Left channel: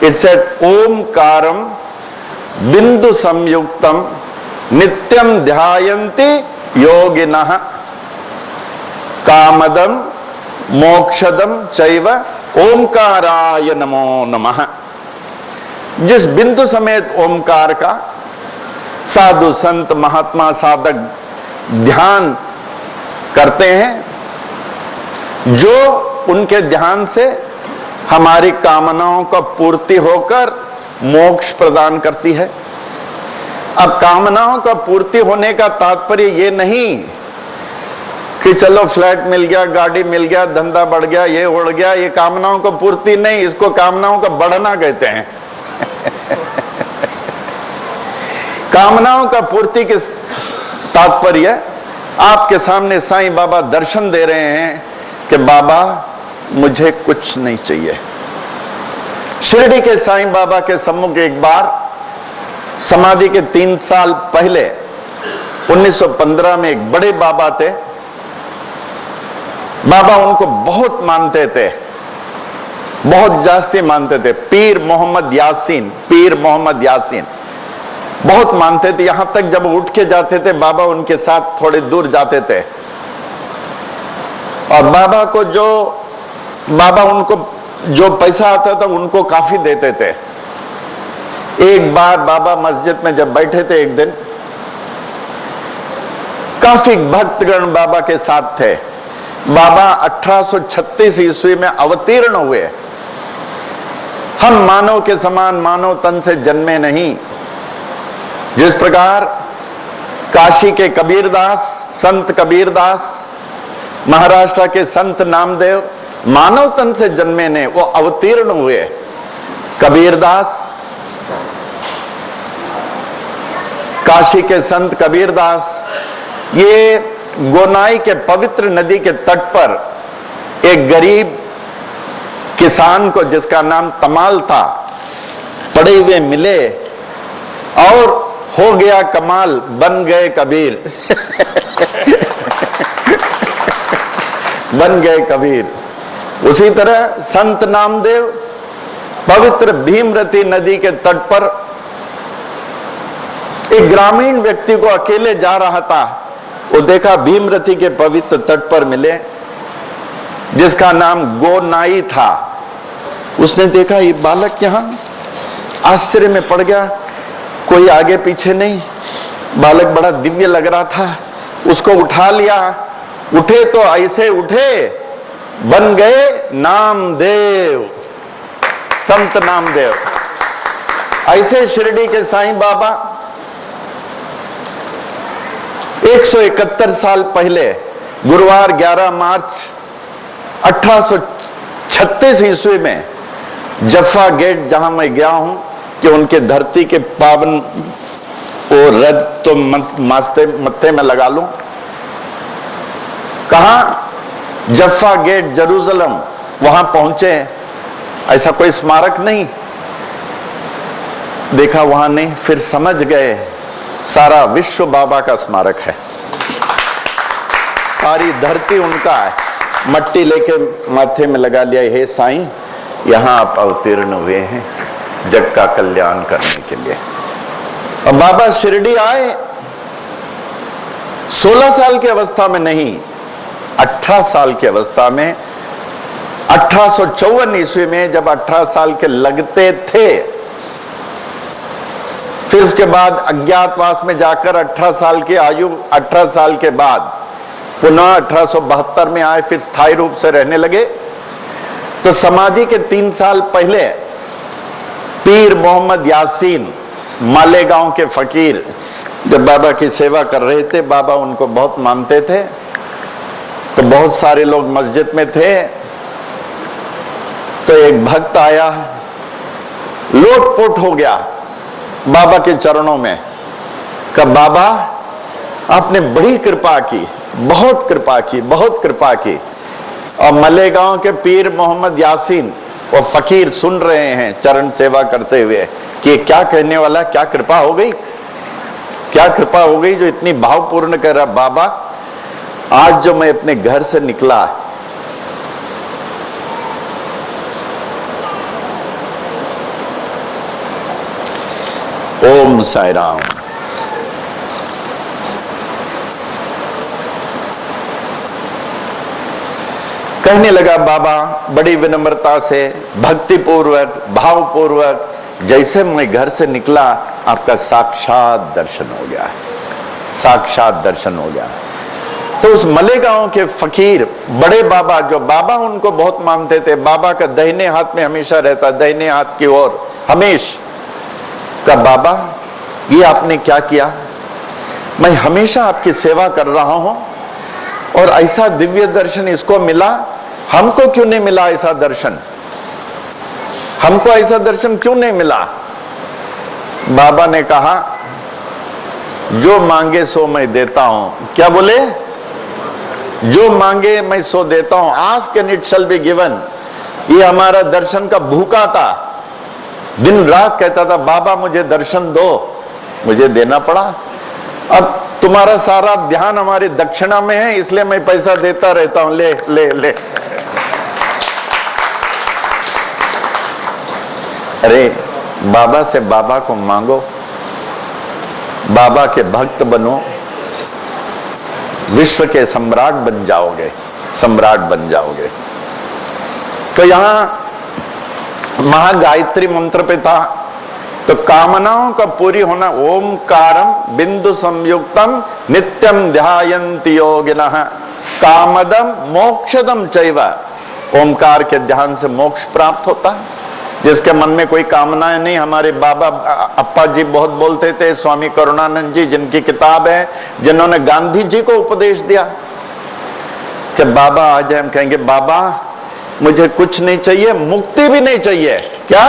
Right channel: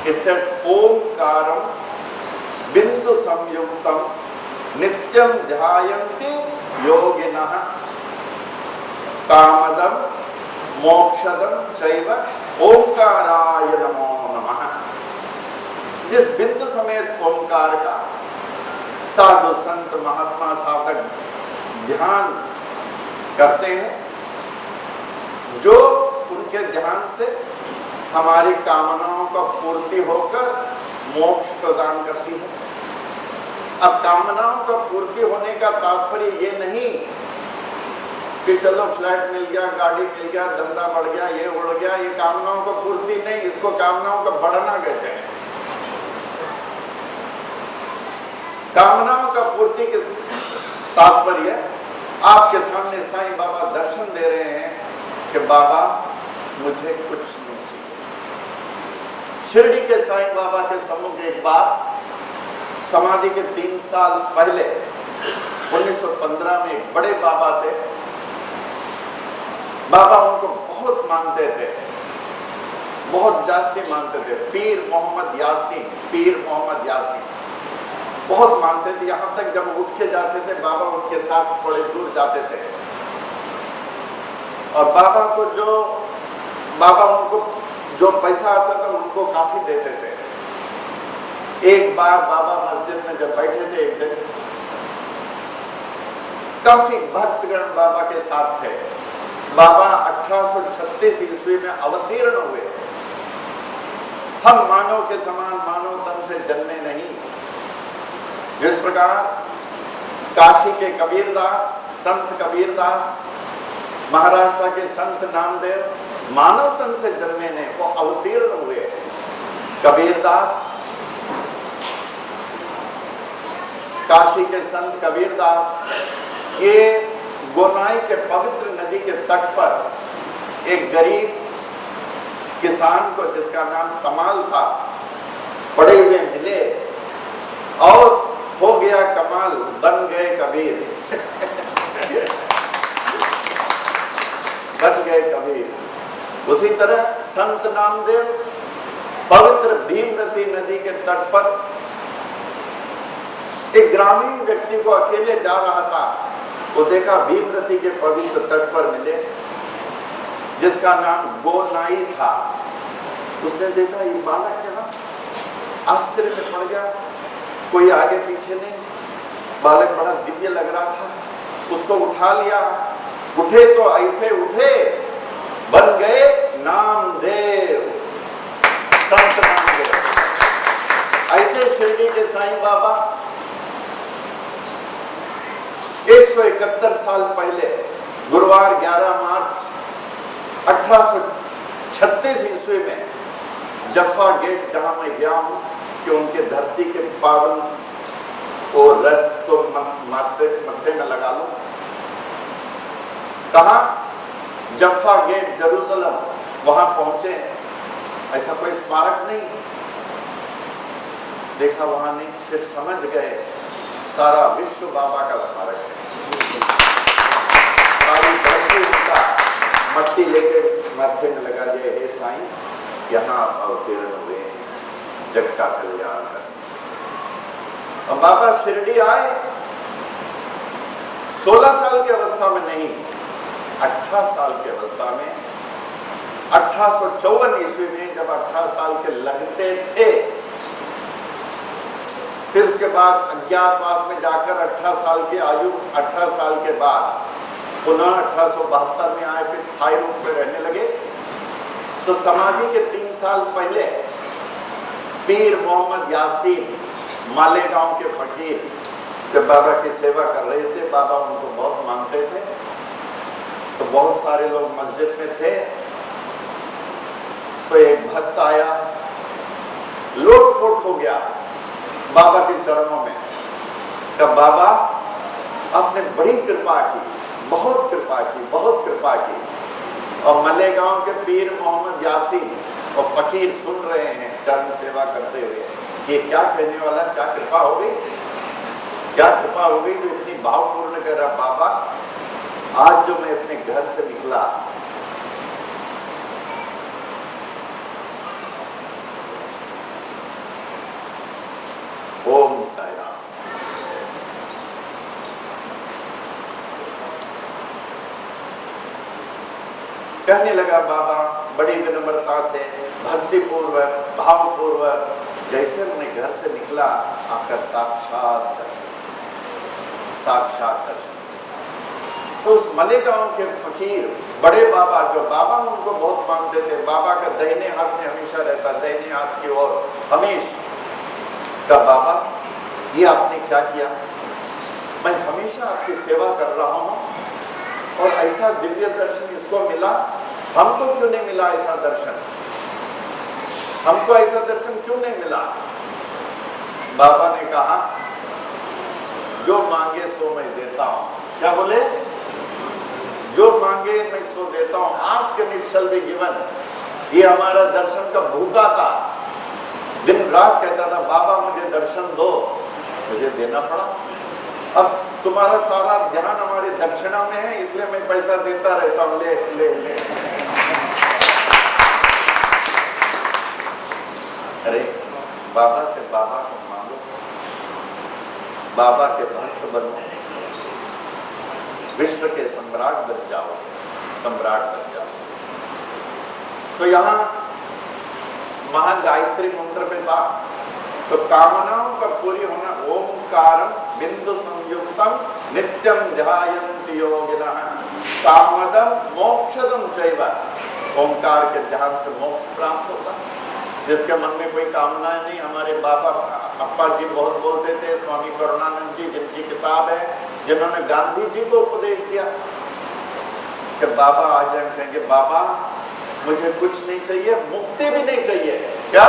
It said ओमकारम बिंदु संयुक्तम नित्यम ध्यायन्ति योगिनः कामदम मोक्षदम चैव ओमकाराय नमो नमः। जिस बिंदु समेत ओमकार का साधु संत महात्मा साधक ध्यान करते हैं, जो उनके ध्यान से हमारी कामनाओं का पूर्ति होकर मोक्ष प्रदान करती है। अब कामनाओं का पूर्ति होने का तात्पर्य ये नहीं कि चलो फ्लैट मिल गया, गाड़ी मिल गया, धंधा बढ़ गया, ये उड़ गया, ये कामनाओं को पूर्ति नहीं, इसको कामनाओं का बढ़ना कहते हैं। कामनाओं का पूर्ति के तात्पर्य आपके सामने साईं बाबा दर्शन दे रहे हैं कि बाबा मुझे कुछ नहीं चाहिए। शिरडी के साईं बाबा के सम्मुख एक बार समाधि के 3 साल पहले 1915 में एक बड़े बाबा थे। बाबा उनको बहुत मानते थे, बहुत जास्ती मानते थे। पीर मोहम्मद यासीन, पीर मोहम्मद यासीन बहुत मानते थे। यहां तक जब उठ के जाते थे बाबा उनके साथ थोड़े दूर जाते थे, और बाबा उनको जो पैसा आता था उनको काफी देते थे। एक बार बाबा मस्जिद में जब बैठे थे एक दिन, काफी भक्तगण बाबा के साथ थे। बाबा 1836 ईस्वी में अवतीर्ण हुए। हम मानव के समान मानव तन से जन्मे नहीं। जिस प्रकार काशी के कबीरदास, संत कबीरदास, महाराष्ट्र के संत नामदेव मानव तन से जन्मे ने, वो अवतीर्ण हुए। कबीरदास, काशी के संत कबीरदास, ये गोनाई के पवित्र नदी के तट पर एक गरीब किसान को, जिसका नाम तमाल था, पड़े हुए मिले और हो गया कमाल, बन गए कबीर। बन गए कबीर। उसी तरह संत नामदेव पवित्र भीमरती नदी के तट पर एक ग्रामीण व्यक्ति को अकेले जा रहा था। वो देखा भीमरती के पवित्र तट पर मिले, जिसका नाम गोनाई था। उसने देखा ये बालक यहां, आश्चर्य में पड़ गया। कोई आगे पीछे नहीं, बालक बड़ा दिव्य लग रहा था। उसको उठा लिया। उठे तो ऐसे उठे, बन गए नामदेव, संत नामदेव। ऐसे शिरडी के साईं बाबा 171 साल पहले गुरुवार 11 मार्च 1836 ईस्वी में जफ्फा गेट, जहां मैं गया हूं कि उनके धरती के पावन वो रज तो मत्थे में लगा लूं, कहा जफ्फा गेट जेरूसलम, वहां पहुंचे। ऐसा कोई स्मारक नहीं देखा वहां नहीं। फिर समझ गए सारा विश्व बाबा का स्मारक है, सारी धरती उनका है। मट्टी लेके माथे में लगा लिया, हे साईं यहां आप अवतीर्ण हुए हैं जग का कल्याण करने के लिए। और बाबा शिरडी आए 16 साल की अवस्था में नहीं, 18 साल की अवस्था में। 1854 ईस्वी में जब 18 साल के लगते थे, फिर उसके बाद अज्ञातवास में जाकर 18 साल की आयु, 18 साल के बाद पुनः 1872 में आए, फिर स्थायी रूप से रहने लगे। तो समाधि के 3 साल पहले पीर मोहम्मद यासीन, मालेगांव के फकीर, जब बाबा की सेवा कर रहे थे, बाबा उनको बहुत मानते थे, तो बहुत सारे लोग मस्जिद में थे। तो एक भक्त आया, लोटपोट हो गया बाबा के चरणों में। कहा बाबा आपने बड़ी कृपा की, बहुत कृपा की, बहुत कृपा की। और मलेगांव के पीर मोहम्मद यासीन वो फकीर सुन रहे हैं चरण सेवा करते हुए कि क्या कहने वाला, क्या कृपा हो गई, क्या कृपा हो गई जो इतनी भावपूर्ण कह रहा। बाबा आज जो मैं अपने घर से निकला, ओम साई राम। कहने लगा बाबा बड़ी विनम्रता से, भक्ति पूर्वक, भाव पूर्वक, जैसे मैं घर से निकला आपका साक्षात दर्शन हो गया, साक्षात दर्शन हो गया। तो उस मलेगांव के फकीर बड़े बाबा, जो बाबा उनको बहुत मानते थे, बाबा का दाहिने हाथ में हमेशा रहता, दाहिने हाथ की ओर हमेशा, का बाबा ये आपने क्या किया? मैं हमेशा आपकी सेवा कर रहा हूं और ऐसा दिव्य दर्शन इसको मिला, हमको क्यों नहीं मिला ऐसा दर्शन? हमको ऐसा दर्शन क्यों नहीं मिला? बाबा ने कहा जो मांगे सो मैं देता हूं। क्या बोले? जो मांगे मैं सो देता हूं। Ask and it shall be given. ये हमारा दर्शन का भूखा था, दिन रात कहता था बाबा मुझे दर्शन दो, मुझे देना पड़ा। अब तुम्हारा सारा ध्यान हमारी दक्षिणा में है, इसलिए मैं पैसा देता रहता हूं, ले ले ले। अरे बाबा से बाबा को मांगो, बाबा के भक्त बनो, विश्व के सम्राट बन जाओगे, सम्राट बन जाओगे। तो यहां महागायत्री मंत्र पे था, तो कामनाओं का पूरी होना। ओमकारम बिंदु संयुक्तम नित्यम ध्यायन्ति योगिनः कामदम मोक्षदम चैव। ओमकार के ध्यान से मोक्ष प्राप्त होता है। जिसके मन में कोई कामनाएं नहीं, हमारे बाबा अप्पा जी बहुत बोलते थे, स्वामी करुणानंद जी जिनकी किताब है, जिन्होंने गांधी जी को उपदेश दिया कि बाबा आज हम कहेंगे बाबा मुझे कुछ नहीं चाहिए, मुक्ति भी नहीं चाहिए। क्या?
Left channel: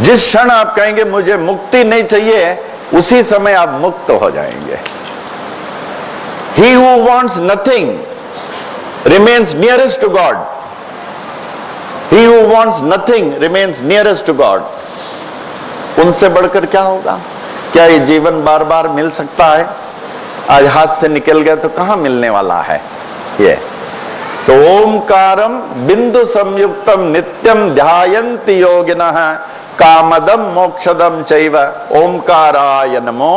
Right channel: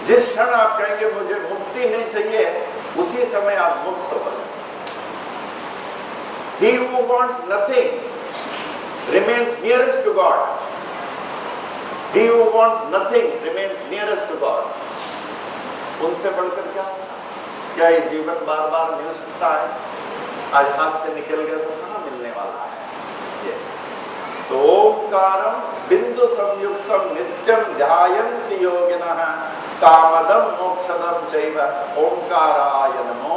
जिस क्षण आप कहेंगे मुझे मुक्ति नहीं चाहिए, उसी समय आप मुक्त हो जाएंगे। He who wants nothing remains nearest to God. He who wants nothing remains nearest to God. उनसे बढ़कर क्या होगा? क्या ये जीवन बार बार मिल सकता है? आज हाथ से निकल गया तो कहां मिलने वाला है ये? तो ओमकारम बिंदु संयुक्तम नित्यम ध्यायन्ति योगिनः कामदम मोक्षदम चैव ओमकाराय नमो